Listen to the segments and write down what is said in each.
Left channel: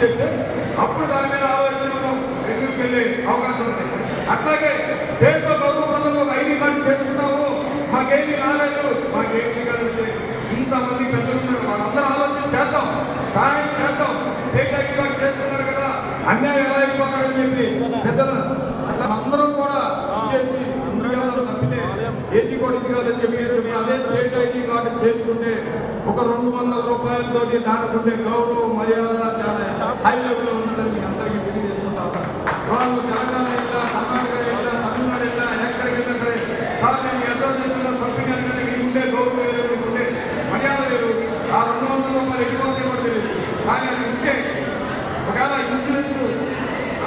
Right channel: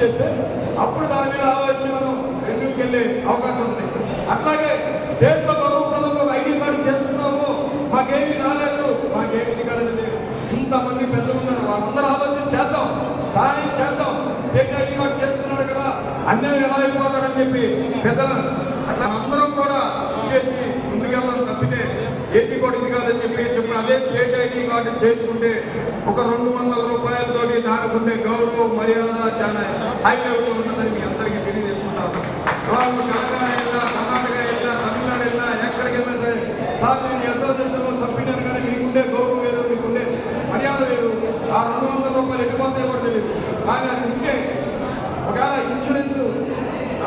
చేస్తే అప్పుడు దాని మీద ఆలోచించడం వెనుకకి వెళ్ళే అవకాశం ఉంది. అట్లాగే స్టేట్లో గౌరవప్రదంగా ఒక ఐడి కార్డు చేసుకున్నాము, మాకేమీ రాలేదు, మాకేమీ కాలేదు, ఇంతమంది పెద్దలు ఉన్నారు, వాళ్ళందరూ ఆలోచన చేద్దాం, సహాయం చేద్దాం. స్టేట్ ఐడి కార్డు చేసుకున్నాడు కదా, అన్యాయం ఎలా అయిపోతాడని చెప్పి పెద్దలను అట్లా అందరం కూడా చేసి ముందుగా తప్పితే ఏది కూడా ఇది కాదని చెప్పి అదే స్టేట్ ఐడి కార్డు చేసుకుంటే ఒక 200 రూపాయలతోటి దానికి ఉండే గౌరవం మర్యాద చాలా హై లెవెల్లో ఉంటుందని మీ అందరికీ తెలియజేసుకుంటాం. వాళ్ళు తెలంగాణ వెళ్ళినా, కర్ణాటక వెళ్ళినా, తమిళనాడు వెళ్ళినా, ఎక్కడికి వెళ్ళినా సరే సార్ నేను అసోసియేషన్లో సభ్యుని కానీ మీకుండే గౌరవం వేరు, మీకుండే మర్యాద వేరు. ఆ 200 రూపాయలు ఎటుపోతే కూడా తెలియదు. కానీ అది ఉంటే ఒకవేళ ఇన్సూరెన్స్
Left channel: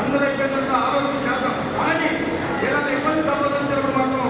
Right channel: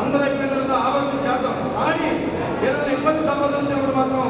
అందరూ అయిపోయిన తర్వాత ఆలోచన చేద్దాం. కానీ ఏదైనా ఇబ్బంది సంబంధించినప్పుడు మాత్రం